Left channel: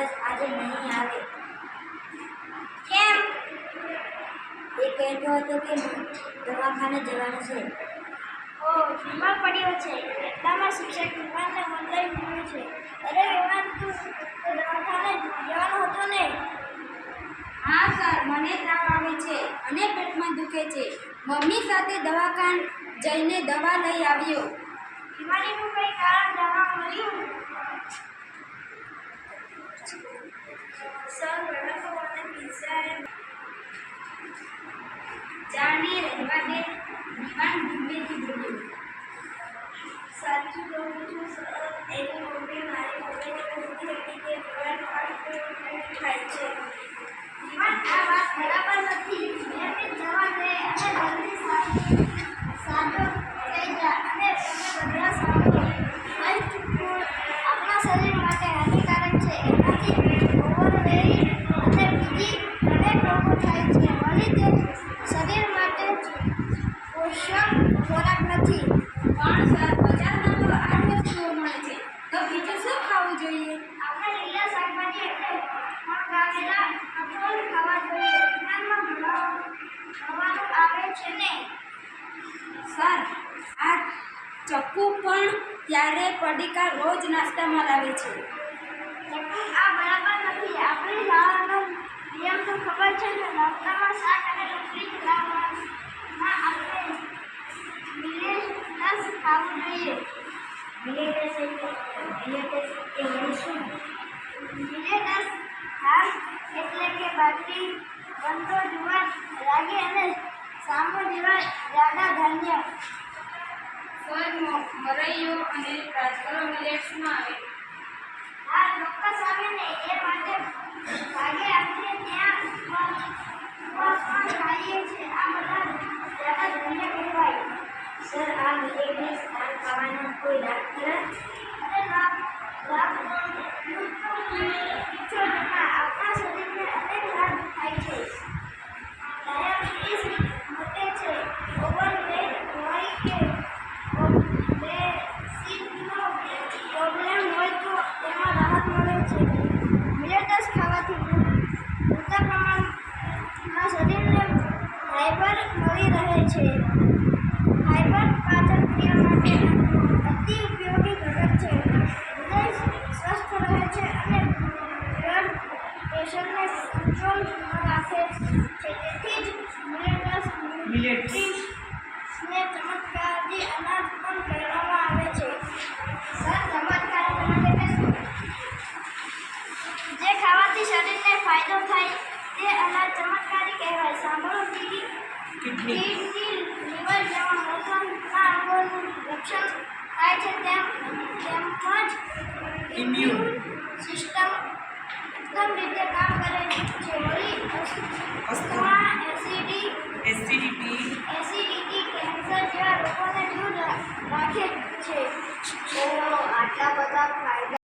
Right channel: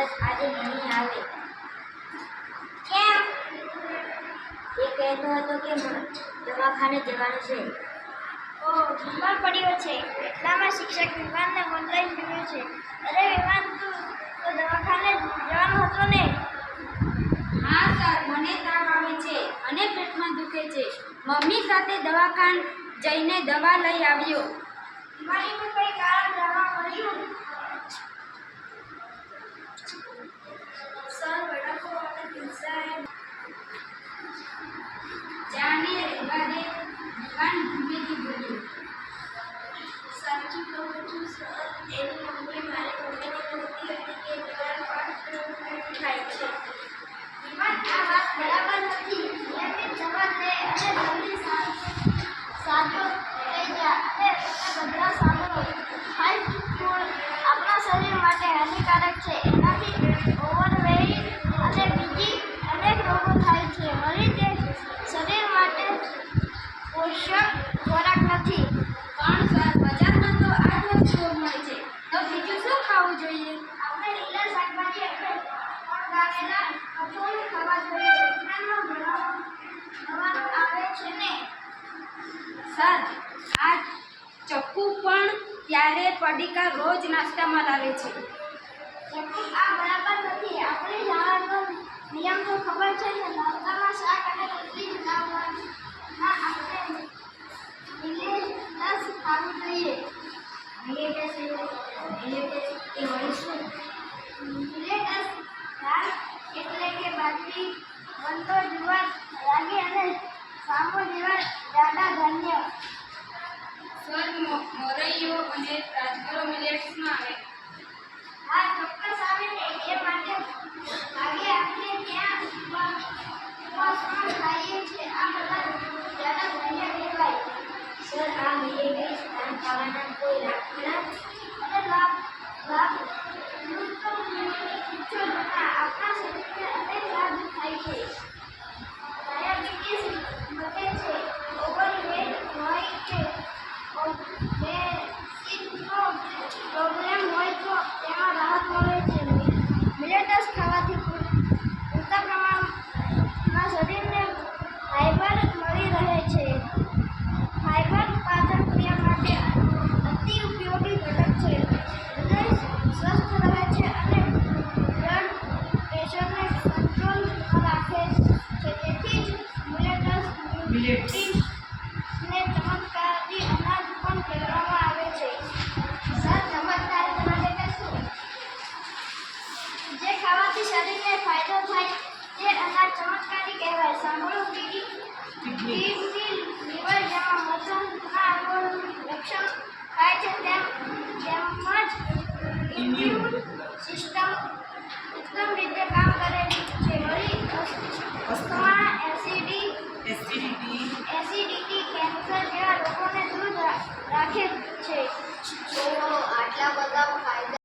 કદાચ આજે નહીં આવે. કેમ? એ કહેતો હતો કે દવાખાને જવાનું છે. ઓ બીમાર પડ્યો છે. એટલામાં શિક્ષક વિમાનને ઓનલાઈન જોયું છે. અરે વિમાન તું તો દવાખાને જવાનો હતો ને? હા સર મને તાવ આવે છે અને પેટમાં દુખે છે. મમ્મી સાથે દવાખાન જઈને દવા લઈ આવ્યો. બીમારીનું કંઈ કારણ જાણવા મળ્યું. સાજો થઈ ગયા અને તમે બધા સાંભળો ફાસ્ટ ફૂડ આપણા શરીર માટે હાનિકારક છે. એનાથી ઓવરવેઇટ અને બીજી અનેક રોગો થાય છે. વળી તે શરીર માટે પોષક ખોરાક નથી. પણ બજારમાં તો આ જ વસ્તુઓ મળે છે. તો બીજું શું ખાવું જોઈએ? આપણે લીલા શાકભાજી એટલે ફળગાવેલા કઠોળ ખાવા જોઈએ. વિજ્ઞાનમાં ભણવાનું આવે છે ને. સર, આ ચક્કુ પણ ત્યારે પડીકા રોજ નાસ્તામાં લાવે છે? આ બરાબર નથી. આપણે શાળાનો નિયમ તો ખબર છે ને નાસ્તામાં શાક અને રોટલી જ લાવવાનું. ના આપણે મિલેટસ ખાવું જોઈએ એ વળી શું મિલેટસ ધાન એટલે કે બાજરી વંતો જુવાર રાગી અને સામો જેવા જાડા ધાન્ય સર મોરૈયો અને રાજગરો મિલેટ્સમાં આવે હા ચોક્કસ આવે ને એ માટે ભાગે આપીએ ત્યાં ઉપવાસ પણ ખાઈએ છીએ આ બધા જાડા ધાન્ય કહેવાય સર આ મિલેટસ ધાન ખાવાના કોઈ લાભ ખરા અને લાભ લાભ લૂંટ તો પીછો જમા આપણા શરીરને અનેક લાભ થાય છે ડાયાબિટીસ મટે છે ઓવરવેટ હોય કે ઓબેસિટીનો પ્રોબ્લેમ હોય તો તેમાં રાહત મળે છે મિલેટસ ખાવાથી પૂરતા પ્રમાણમાં શરીરને ફાઈબર મળી રહે છે. ફાઈબર પાચન ક્રિયા માટે અતિ ઉપયોગી ઘટક છે. હૃદય સ્વસ્થ રહે છે અને બ્લડ પ્રેશરને કંટ્રોલમાં રાખે છે. તેથી જ મિલેટસ ને ચમત્કારી અનાજ પણ કહેવામાં આવે છે સર ચમત્કારી અનાજ એટલે શું જે ખાવાથી શરીરને ફાયદો થાય તે અનાજ ચમત્કારી કહેવાય સાંભળો કીડી કિડની. લીવર જેવા મોટા અંગોનું રક્ષણ થાય છે તેમ તેમજ ઇમ્યુન સિસ્ટમ ઉત્તમ રીતે